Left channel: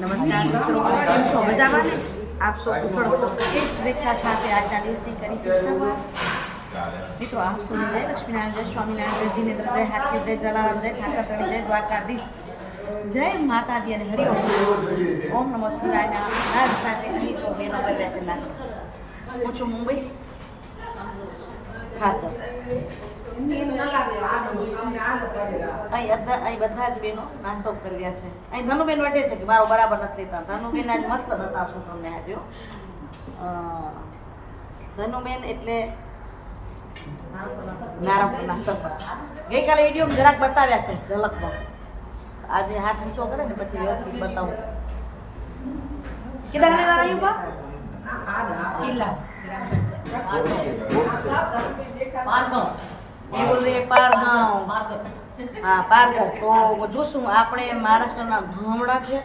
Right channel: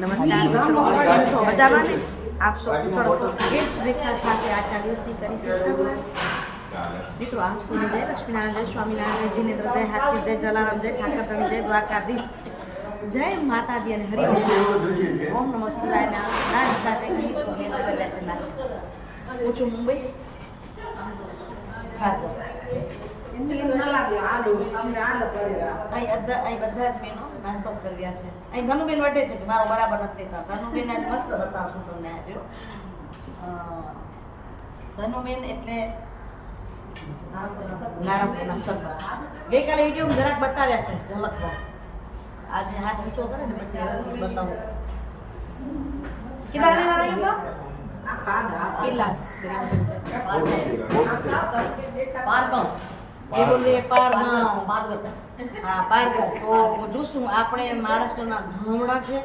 નમસ્કાર મિત્રો, કેમ છો? મજામાં ને? આપ સૌ કુશળ છો એ શુભેચ્છા સાથે આજના દિવસની કરી છે શરૂઆત. મિત્રો, આપ સૌને જય લક્ષ્મીનારાયણ, જય સ્વામિનારાયણ, જય જીનેન્દ્ર, જય હાથી જય જલારામ, જય ઠાકર ધણી જય દ્વારકાધીશ. જય માતાજી અને હરિઓમ. ઓમ નમઃ શિવાયના નાદ સાથે અહીં તો બેનો કર્યા છે નાસ્તો. હું છું મુંબઈ. ખાતર અહીં બધા જ બેનો નાસ્તો કરી રહ્યા છે. અહીં ધનુબેન વટે છે કે મારો બરાબર નથી લેતા. ધનુબેન આજ મસ્ત બતાવશું તમને આજે હો. અ, ધનુબેન એટલે નારાયણપુરના સરપંચ ગઈકાલે વીડિયો જરાક બતાવ્યા છે ઝલકમાં આજે હાથ ઊંચો કરે ને પછી વ્યવસ્થિત બતાવું. કેટલા ઘણી વાર આવ્યું બા? એ બોલે પારગાંવ હા પારગર તો જોશું આપણે મહારાષ્ટ્રના ગામડા છે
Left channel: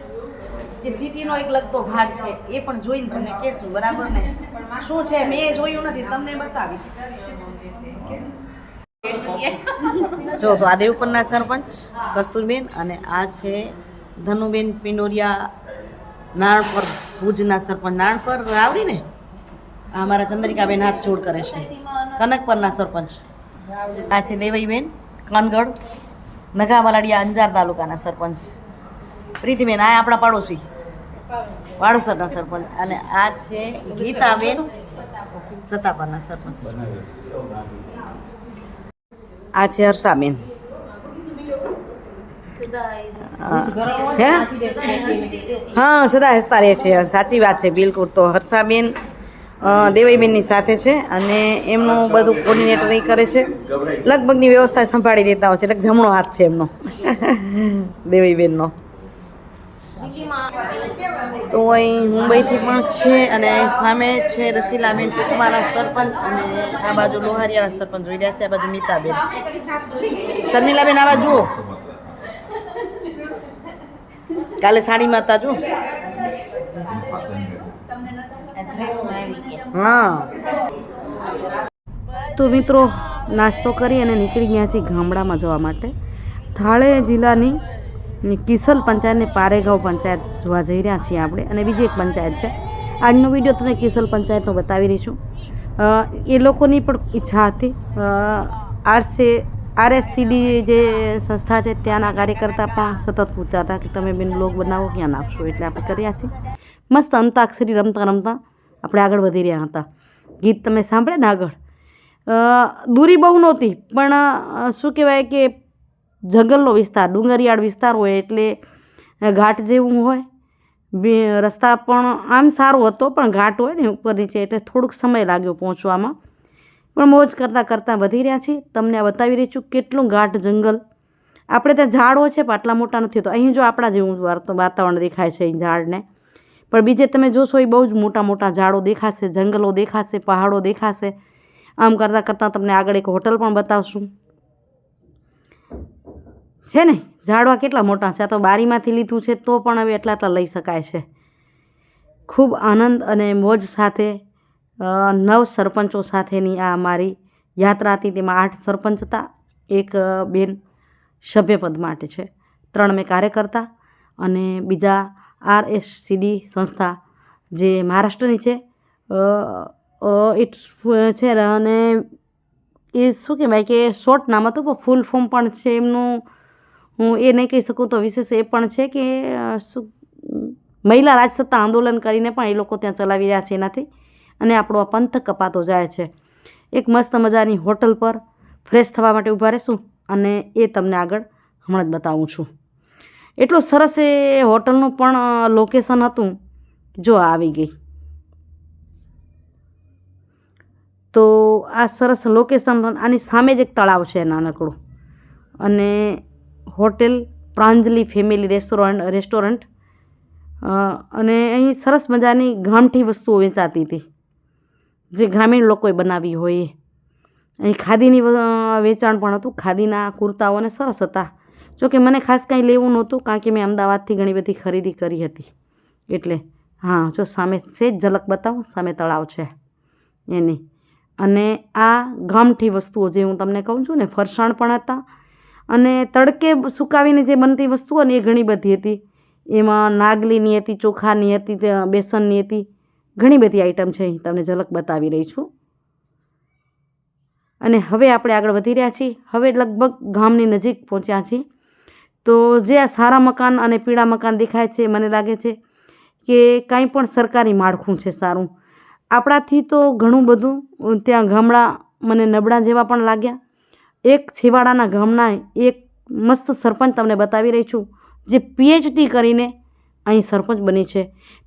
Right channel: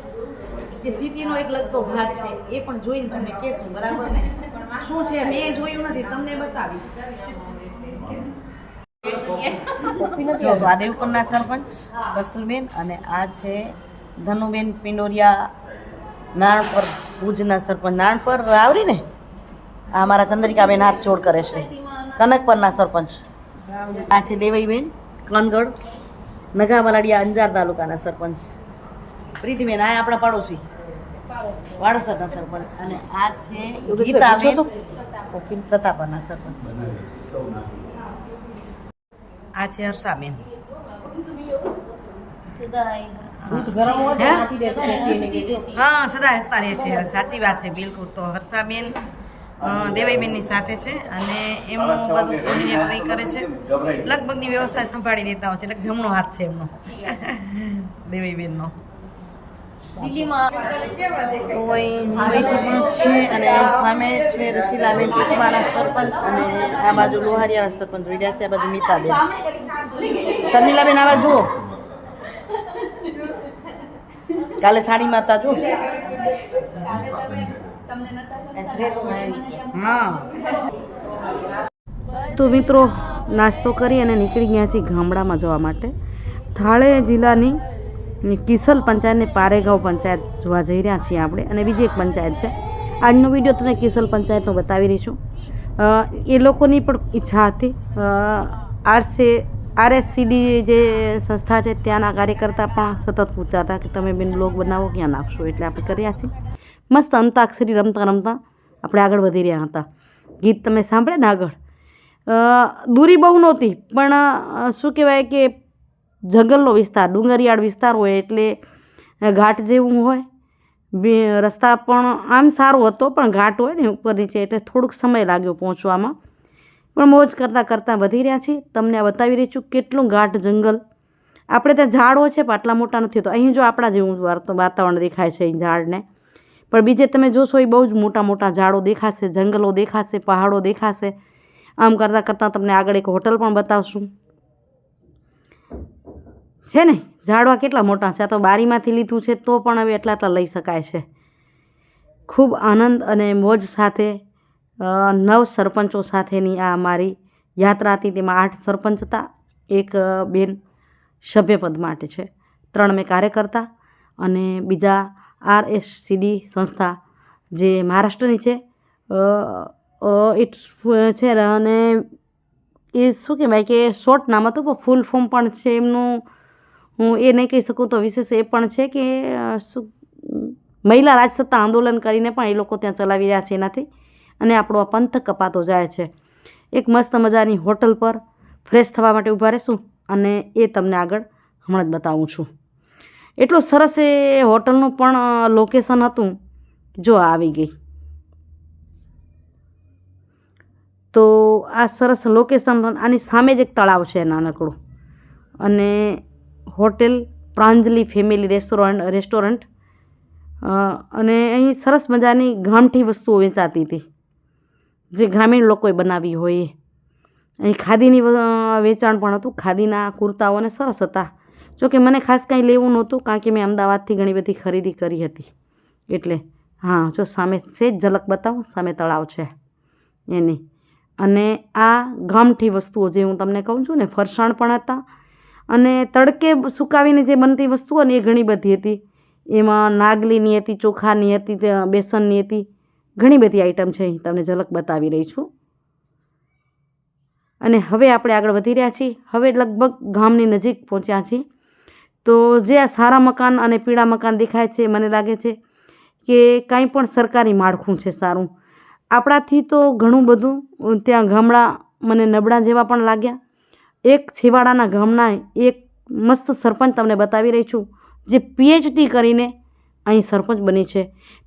કે સિટીનો એક લગતો ભાગ છે એ પણ જોઈને તમને કહેશું બરાબર ને? શું છે મેં જોયું નથી તમને બતાવીશ. જો તો આ દેવપુરના સરપંચ કસ્તુરબેન અને આ છે ધનુબેન પિંડોરિયા નાણપર ભુજના સરપંચ. નાણપર આવરી ને? આ અમારા ચંદ્રિકાબેન હાથ જોડ કરે છે. કનકપરના સરપંચ. આ છે દેવાઈબેન કનગઢ નગામલાડિયા અંજાર તાલુકાના સરપંચ. પ્રીતિબેન આ આપણા પડોશી. વાડોસરના સરપંચ. અને આ છે ગીતાબેન સતાપરના સરપંચ. આ છે હર્ષાબેન. હે? હા સદા હસતા રહે છે. સાચી વાત છે બિલકુલ. તો હર્ષાબેન દેવઈબેનની સાથે છે અને એમનું બધું કોર્ડિનેટર કરે છે. લગભગની વ્યવસ્થા સંભાળી દેતા હોય છે એટલે જમણો હાથ છે એમનો. દેવાઈબેનનો તો અહીં મુંબઈથી પણ છે અને સામે છે રસીલાબેન ટૂંકમાના સરપંચ અને આ બાજુ લોહારિયાના સરપંચ જોઈ રહ્યા છે આ બાજુ મીતાબેન. શર્મિલાબેન આવા જુઓ. કાલે સાડી માતા જુઓ. હા. તો મિત્રો, નાસ્તો કરી અને નીકળી ગયા છીએ ગામડામાં જવા માટે. થાળે જિલ્લાની કિસલ પંચાયતની પારેગાંવ પંચાયત જોવા જઈ રહ્યા છીએ આપણે અને બીજી એક પંચાયત છે. આજનો વીડિયો તમને કિસલ પંચાયતનો બતાવી રહીશું એ લોકોની પણ ઈચ્છા હતી. આરસી, આરએસસીડી જે સંસ્થા છે ત્યાંના કાર્યકર્તા પણ સતત પૂછતા હતા કે તમે બેન બ્લોગ બનાવો, ક્યાં નાખશો? એટલે આપણે કર્યા છીએ. મસ્ત અંતાક્ષરી રમતા રમતા આપણે આગળ વધી રહ્યા હતા. ગીત તમે સાંભળે ને આગળ? દૂરી બહુ નહોતી, પણ શું કહેવાય કે જંગલનો વિસ્તાર, ડુંગરિયાળ વિસ્તાર હોય એટલે ઘાટ જેવું હોય. રસ્તા પણ આમ સારો હતો, પણ ઘાટ હોય ને ઉપર નીચે એટલે થોડુંક સમય લાગ્યો પહોંચવામાં. પણ મોજ કરતાં કરતાં વધી રહ્યા છીએ. તમને આ બતાવી રહી છું કેટલું ઘાટ જંગલ. આપણે ત્યાં ઝાડો છે, પણ આટલા મોટા નથી તો અહીં જો આપણા જેવું વાતાવરણ દેખાય છે, અહીં ઝાડને. પણ બીજે તમે જોશો એ બહુ જ મોટા મોટા ઝાડો દેખાશે, જંગલો દેખાશે, પહાડો દેખાશે. આમ કરતાં કરતાં તમને આગળ એક હોટલ પણ બતાવશું. છે ને, ઝાડવા કેટલા મોટા છે? આ તો બારીમાંથી લીધું છે, તો પણ હવે એટલા એટલા લઈ શકાય છે. ખૂબ આનંદ અને મોજ સાથે નવ સરપંચો સાથેની આ મારી યાત્રા હતી. તેમાં આઠ સરપંચ હતા, એક બેન સભ્યપદ માટે છે. ત્રણ મેં કાર્યકર્તા અને બીજા આર એસ સીડી સંસ્થા જે મહારાષ્ટ્રની છે ઇટ્સ છે અને એ શું કહેવાય કે શોર્ટ નામ હતું, પણ ફૂલ ફોર્મ પણ છે એમનું. હું એ નહીં કહી શકું તો વિશેષ એ પણ છે કે શું, મહિલા રાજસત્તા આંદોલન કરીને પણ એ લોકો ત્યાં ચલાવી રહ્યા છે એનાથી. અને આપણો આ પંથ કપાતો જાય છે. એક મસ્ત મજાની હોટલ પર ફ્રેશ થવા માટે ઊભા રહેશું અને એ તમને આગળ હમણાં જ બતાવું છું. એટલું સરસ એ હોટલનું પણ લોકેશન હતું. જો આવી ગઈ. તો આ સરસ લોકેશન આની સામે જ એક તળાવ છે નાનકડું. અને hotel Pranjali family restaurant restaurant. અને અહીં સરસ મજાની ગામઠી વસ્તુઓ વેચાતી હતી. જે ગ્રામીણ લોકોએ બનાવી હોય. અહીં ખાદીની વેચાણ પણ હતું. ખાદીના કુર્તાઓને સરસ હતા. જોકે મને ખાસ કાંઈ લેવું નહોતું કારણ કે મેં અમદાવાદથી ઘણી બધી ખરીદી કરી હતી. એટલે હા, જો સામે સેજ ઝલક બતાવો, સામે તળાવ છે એની. અને આ ગામઠી વસ્તુઓ જે હું તમને કહું છું ને, ફરસાણ પણ હતા. અને તડકે સુકાવીને જે બનતી વસ્તુઓ ને એ ઘણી બધી હતી. એમાં નાગલીની હતી, ચોખાની હતી બેસનની હતી, ઘણી બધી આઈટમ છે. તમને ઝલક બતાવી રહી છું. અને હવે આપણે આગળ વધી રહ્યા છીએ. હવે લગભગ ગામની નજીક પહોંચ્યા છીએ. તો જે આ સારા મકાન અને પીળા મકાન દેખાય છે મને લાગે છે કે કાંઈ પણ સરકારી માળખું છે સારું. આપણાથી તો ઘણું બધું, ત્યાં ગામડા મને નબળા જેવા પણ લાગ્યા. એક છેવાડાના ગામના એક મસ્ત સરપંચ તમને બતાવી રહી છું, જે પીએચડી કરીને અહીં સરપંચ બની છે.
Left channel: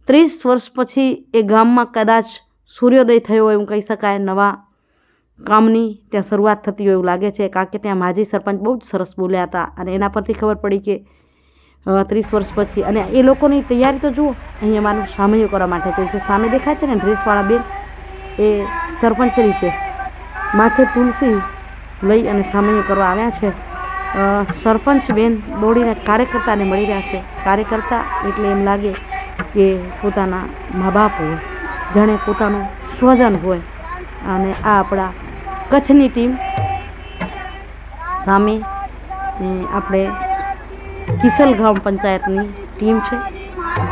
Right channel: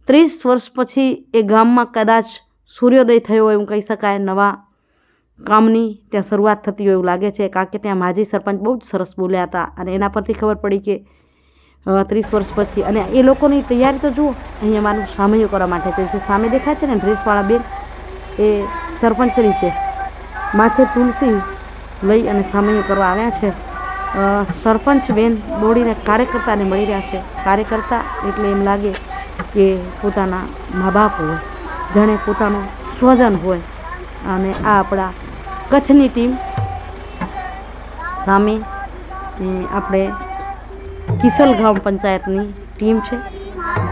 ત્રીસ વર્ષ પછી એ ગામમાં કદાચ સૂર્યોદય થયો એવું કહી શકાય, નવા કામની ત્યાં શરૂઆત થતી હોય એવું લાગે છે, કારણ કે ત્યાં માજી સરપંચ બહુ જ સરસ બોલ્યા હતા અને એના પરથી ખબર પડી કે ત્રીસ વર્ષ પછી અને એ લોકોની તૈયારી તો જુઓ, અહીંયા મારું સામૈયું કરવા માટે છે સામે દેખાય છે ને ડ્રેસવાળા બેન, એ સરપંચશ્રી છે. માથે તુલસી લઈ અને સામૈયું કરવા આવ્યા છે. સરપંચ બેન દોડીને કાર્યકર્તાને મળી રહ્યા છે. કાર્યકર્તા એટલે એમ લાગે કે પોતાના મા બાપ હોય, જાણે પોતાનું સ્વજન હોય અને આ આપણા કચ્છની ટીમ સામે આપણે કિસલ ગ્રામ પંચાયતની ટીમ છે.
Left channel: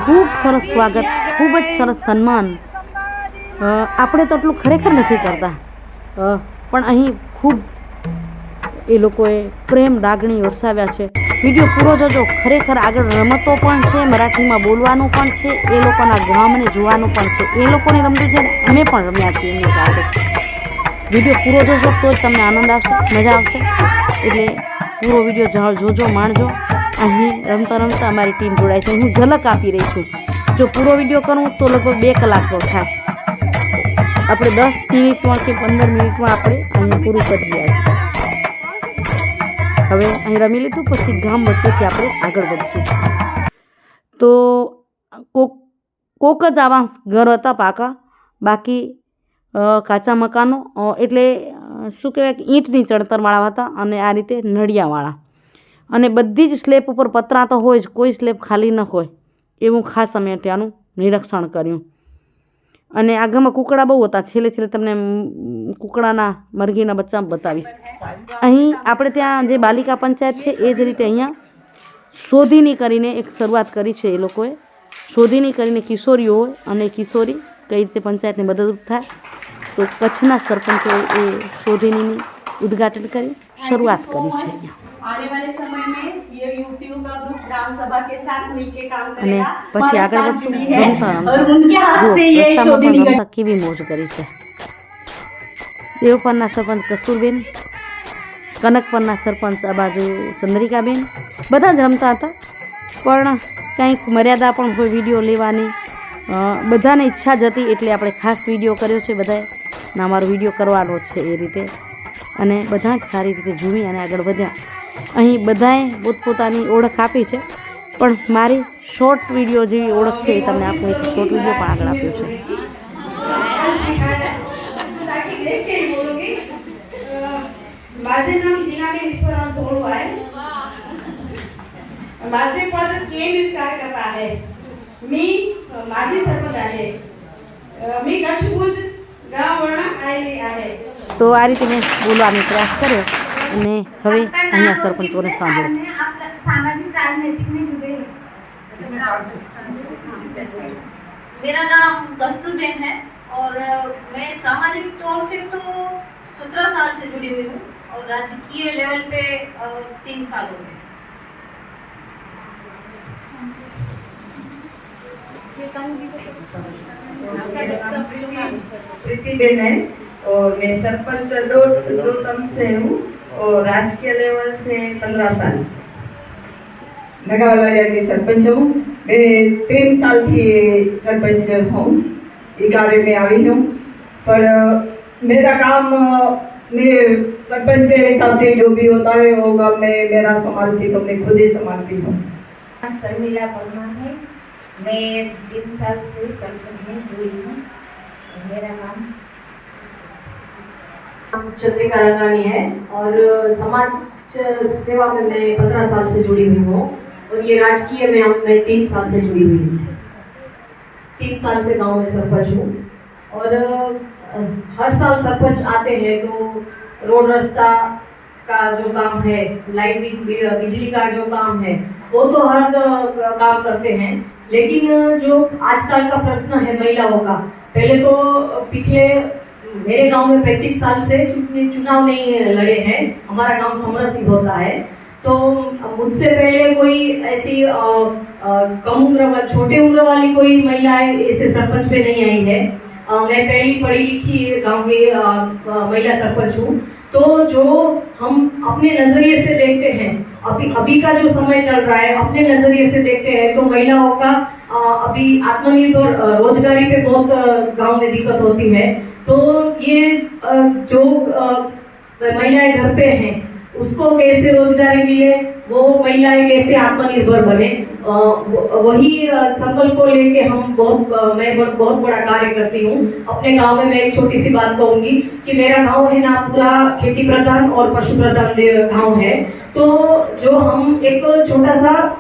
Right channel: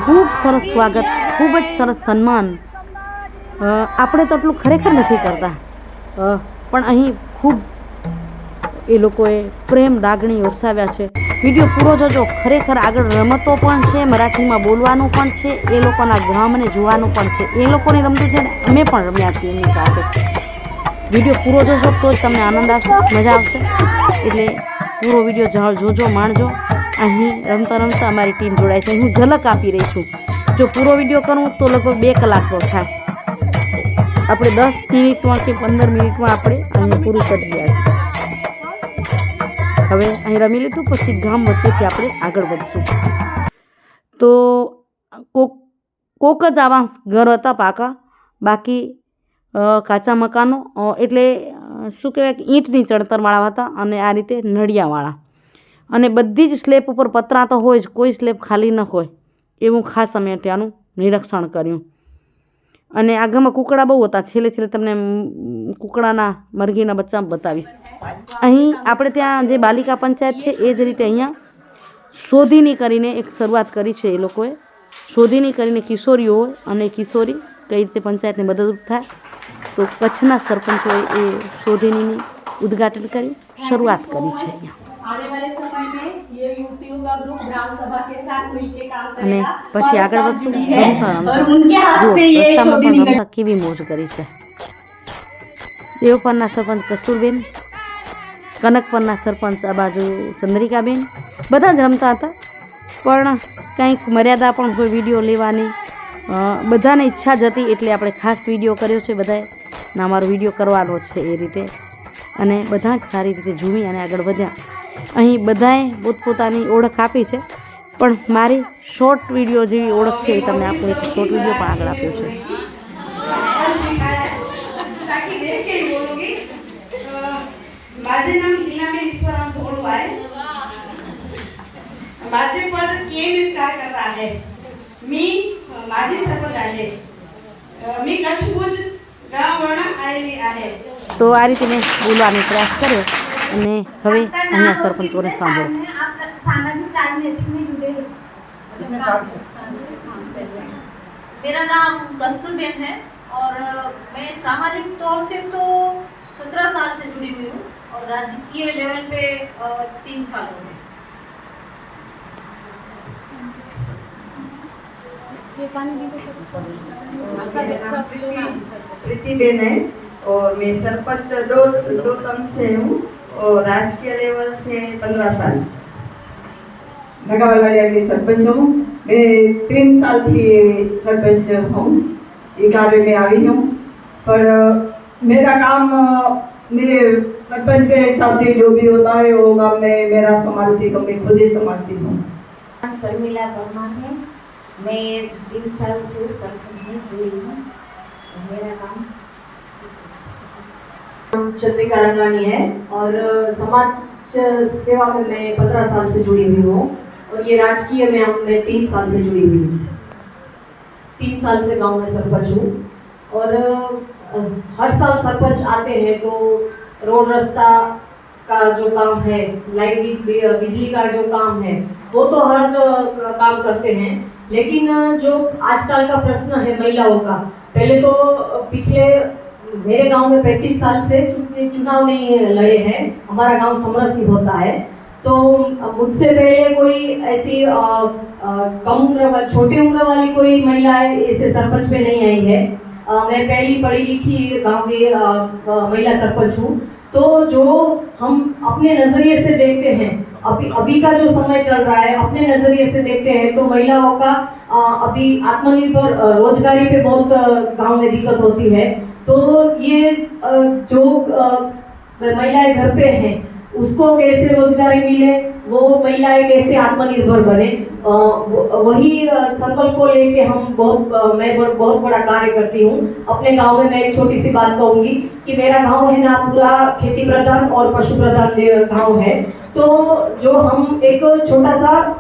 ખૂબ સરસ સ્વાગત, ખૂબ જ સરસ સન્માન. આપણે તો એટલું ખરેખર નથી કરતા. પણ અહીં ખૂબ એ લોકોએ પ્રેમ લાગણી વરસાવ્યા છે. વીડિયો પૂરો જોજો. ખરેખર આગળ રમતો પણ છે, મરાઠીમાં બોલવાનું પણ છે, એ લોકોના ગામને જોવાનું પણ છે. એ લોકોને રમતું છે ને અમે પણ રમ્યા છીએ એમની સાથે. વીડિયો પૂરો જોશો તો જ તમને આનંદ આવશે, મજા આવશે. એટલે પૂરો વીડિયો જોજો, માણજો. અહીં રમતા રમતા અમારી ટીમ જોડાય છે. હું ઝલક આપી રહી છું. જો પૂરો વીડિયો કરું તો લગભગ બે કલાકનો થાય. આપણે દસ મિનિટમાં કે પંદર મિનિટમાં આપણે અહીં પૂરું કરી રહ્યા છીએ. હવે અહીં રમી લીધું, પછી ગામ વચ્ચેથી આપણે આગળ વધશું. તો કોક કોક જ આવા ઘર હતા પાકા. બાકી કાચા મકાનો એટલે શું કહેવાય કે ઈંટની ચણતરવાળા હતા અને આ રીતે નળિયાવાળા. અને બધી જ સ્લેબ ઉપર પતરા તો હોય જ, કોઈ સ્લેબ ખાલી ન હોય, એવું ખાસ અમે ત્યાંનું નિરીક્ષણ કર્યું. અને આગળમાં કુકડા બહુ હતા, છેલ્લે છેલ્લે તમને કૂકડાના મરઘીના બચ્ચા બતાવીશ. અહીં આપણે ત્યાં જે બાલિકા પંચાયત છે, એ જ રીતે અહીંયા શોધીની કરીને એક શરૂઆત કરી છે એ લોકોએ. શોધીની કરીને કિશોરીઓ હોય અને કિશોરી કઈ રીતે પંચાયતને મદદરૂપ થાય તો કચ્છના સરપંચોએ એ શોધનીની ઉદ્ઘાટન કર્યું શરૂઆત કરી છે અહીંયા. અને પછી આગળ વધશું રમતા રમતા. રસ્તામાં પણ રમતા કેવી મોજ કરી છે. દેવપરના સરપંચ કસ્તુરબેન કનકપરના સરપંચ આ બાજુ ચંદ્રિકાબેન બધા જ રમતા હતા. પણ કંઈક મર્યાદા પણ હોય વીડિયો લેવાની બધાને ઈચ્છા જ હતી એટલે આપણે ખાસ વીડિયો કર્યો છે બધાએ. ના અમારો વિડીયો કરવાનો જ છે એ રીતે અને બધા જ સારી રીતે ઝૂમી અને આગળ વધ્યા અહીં બધાએ પોતપોતાની ઓળખ આપી છે પણ મારી શોર્ટ વિડીયો જેવી ઓળખ છે એ તમને આપું એક શોર્ટ વિડીયો પણ આગળ આપ્યો છે ताकि देख के ही बोलूंगी अ, माझे नाम लीलाबेन ईश्वरराव धोड़ू आहे माझे पद केम इस कार्यकर्ता आहे मी अ, माजी सरपंच आहे अ, मी कच्छ भुज गाव वळणा आलेली आहे તો આ રીતે મેં બોલવાનો પ્રયાસ કર્યો અને હવે અહીંયા સરપંચોને સાંભળો सामाजिक राजनीतिक में जुड़े मेरा नाम कस्तूरबेन है और अ, मैं सामाजिक तौर से तो सत्रह साल से जुड़ी हुई हूँ और राजकीय लेवल पे अ, तीन साल हो गए प्रीति बेन है और मैं सरपंच दो दो टर्म से हूँ और राजकीय लेवल से पंद्रह साल से। नगावाला की सरपंच हूँ। मैं तीन साल की सरपंच हूँ। ये कार्य में आई हूँ। पर मेरा काम मैं सरपंच के साथ से जो भी होता है वो काम मैं मेरा संभालती तो मैं खुद ही संभालती हूँ। शर्मिला वर्मा है। मैं तीन साल से सरपंच में जुड़ी हूँ। मेरा नाम चंद्रिका है और समाज सेवा में मैं पंद्रह साल से जुड़ी हुई हूँ और ये राजकीय में हम, मैं तीन साल से जुड़ी हुई हूँ। तीन साल से गाँव में सरपंच हूँ और हर साल सरपंच आते हैं तो रोड रास्ता का जो काम है, लाइट बिजली का जो काम है, वो तो हर काम करते हैं। लेकिन जो आजकल का प्रश्न है महिलाओं का पहले तो पिछले मेरे गाँव में पैंतीस साल से चुनाव नहीं लड़े हैं। हमारा गाँव समरसिंह होता है। तो मुझसे पहले कोई ऐसी कम उम्र छोटी उम्र वाली कोई महिलाएँ ऐसे सरपंच में नहीं आई है। अ, मैं पहली पढ़ी लिखी गाँव की महिला सरपंच हूँ। तो जो हम अपने नज़रिए से देखते हैं अभी अभी का जो समय चल रहा है अपने नज़रिए से देखते हैं तो महिलाओं का अभी आत्मनिर्भर रोजगारी पे बहुत गाँव में दिक्कत होती है। तो ये जो महिलाएँ घर पे हैं, उसको कैसे रोजगारी मिले, वो महिलाएँ कैसे आत्मनिर्भर बने वही संकल्प को लेके हम बहुत मैं बहुत बड़ा कार्य करती हूँ। अपने गाँव में मैं एक छोटी सी बात कहूँगी कि मेरा गाँव है ना पूरा खेती प्रधान और पशु प्रधान गाँव है। तो जो हम एक छोटा सा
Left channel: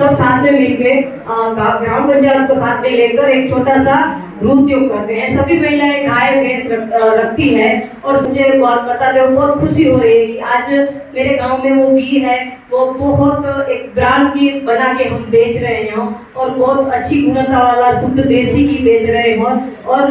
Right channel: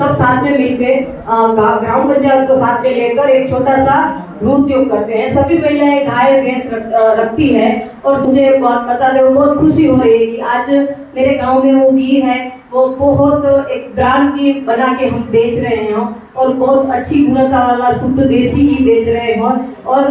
सब साथ में मिलके ग्राम पंचायत को साथ में लेकर एक छोटा सा उद्योग करते हैं। सभी महिलाएँ गाय भैंस रख, रखती है और मुझे बहुत बताते हुए बहुत खुशी हो रही है कि आज मेरे गाँव में वो घी है। वो बहुत एक ब्रांड की बना के हम बेच रहे हैं और बहुत अच्छी गुणवत्ता वाला शुद्ध देसी घी बेच रहे हैं। और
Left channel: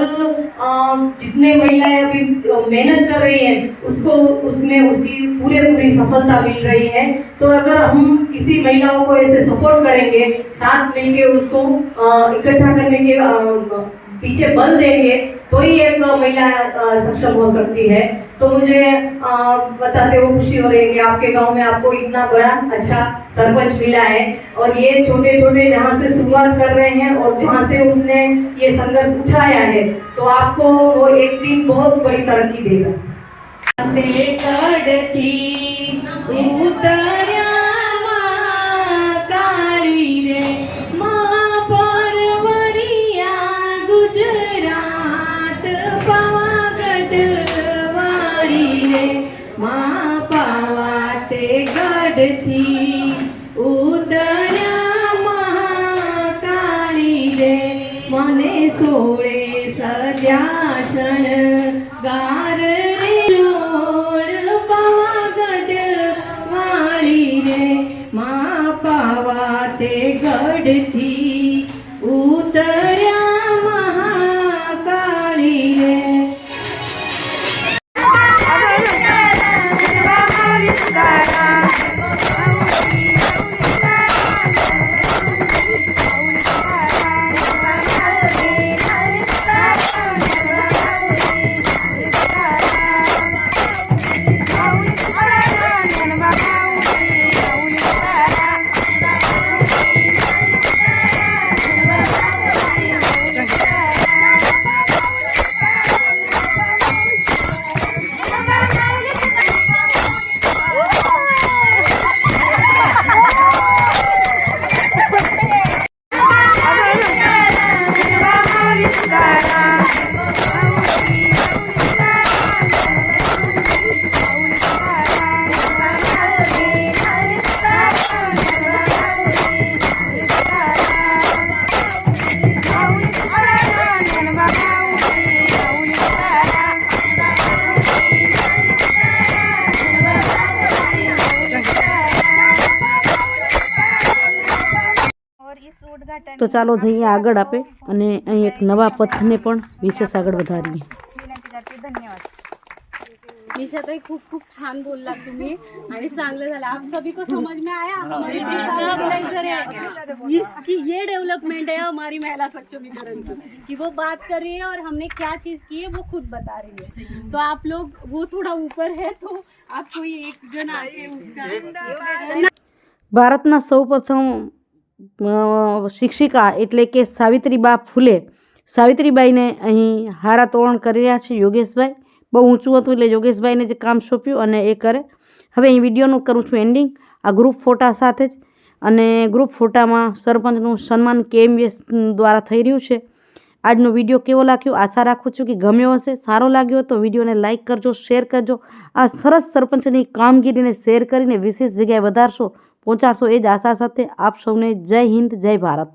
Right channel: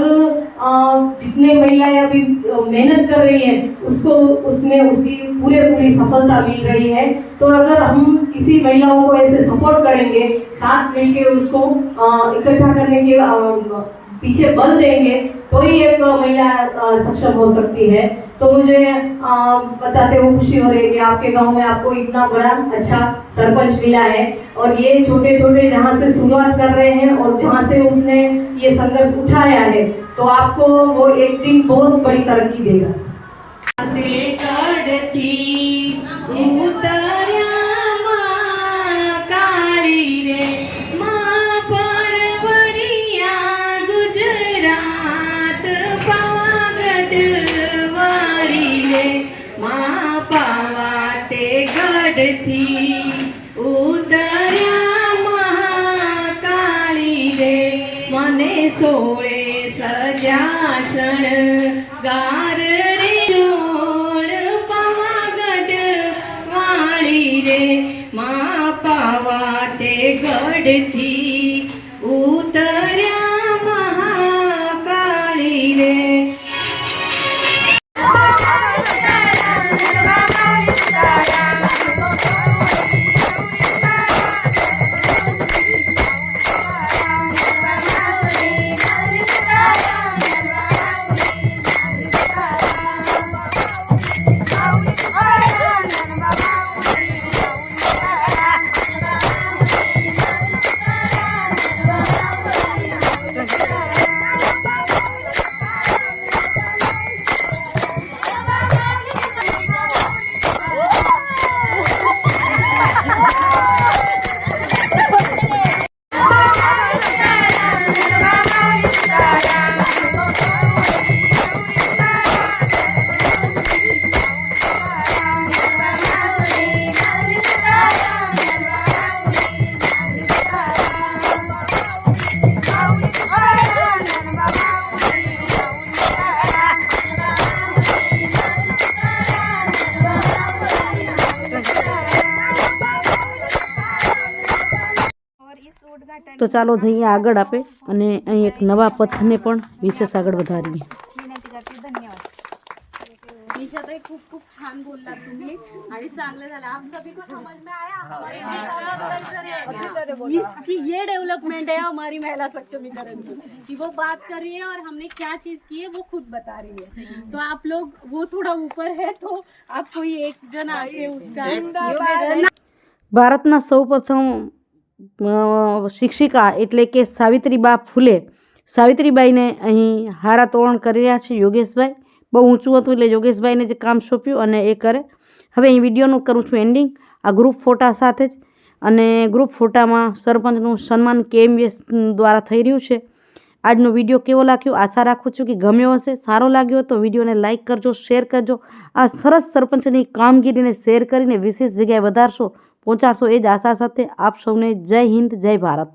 जितने महिलाएँ अभी मेहनत कर रही हैं, उसको, उसमें उसकी पूरे, पूरी सफलता मिल रही है। तो अगर हम किसी महिलाओं को ऐसे सपोर्ट करेंगे, साथ मिलके उसको इकट्ठा करने के पीछे बल देंगे तो ही एक महिला सक्षम हो सकती है। तो मुझे बताते हुए खुशी हो रही है कि आपके गाँव में आपको इतना बड़ा अच्छा सरपंच मिला है और ये छोटे छोटे जहाँ से शुरुआत कर रहे हैं और जहाँ से उसने ये संघर्ष उठाया है तो आपको वो एक दिन बहुत बड़ी तरक्की देगा। તે ગઢથી તો ચાલો જઈએ આગળ આપે અને અહીં એક નવા પથને પણ વિશેષ આગળ વધારીએ निशाताई खूप खूप छान बोललात तुम्ही आणि चांगलं झालं आप सभी को समझ में आया हमारी इसकी ये डेवलपमेंट है हमारी महिला सक्षमीकरण की कि वो बात कर रही है और हमने क्या चीज की है वो खुद बता रही है तो आप लोग वो थोड़ा ऊपर है तो आप कोई एक जन आके उसका ભારતના સૌપ્રથમ અ, શિક્ષિકા એટલે કે સાવિત્રીબા ફૂલે. સાવિત્રીબાઈને અહીં હારા તોરણ કરી રહ્યા છે યોગેશભાઈ. બહુ ઊંચું હતું એટલે યોગેશભાઈને જે કામ સોંપ્યું અને એ કરે. હવે અહીં વિડીયોનું કરું છું એન્ડિંગ. આ ગ્રુપ ફોટા સાથે જ. અને ગ્રુપ ફોટામાં સરપંચનું સન્માન કેએમએસ દ્વારા થઈ રહ્યું છે. આજનો વીડિયો કેવો લાગ્યો? આશા રાખું છું કે ગમ્યો હશે. સારો લાગ્યો તો વિડીયોને લાઇક કરજો, શેર કરજો. આ સરસ સરપંચની કામગીરીને શેર કરીને વિશેષ જગ્યાએ વધારશો. પહોંચાડશો એ જ આશા સાથે આપ સૌને જય હિન્દ જય ભારત.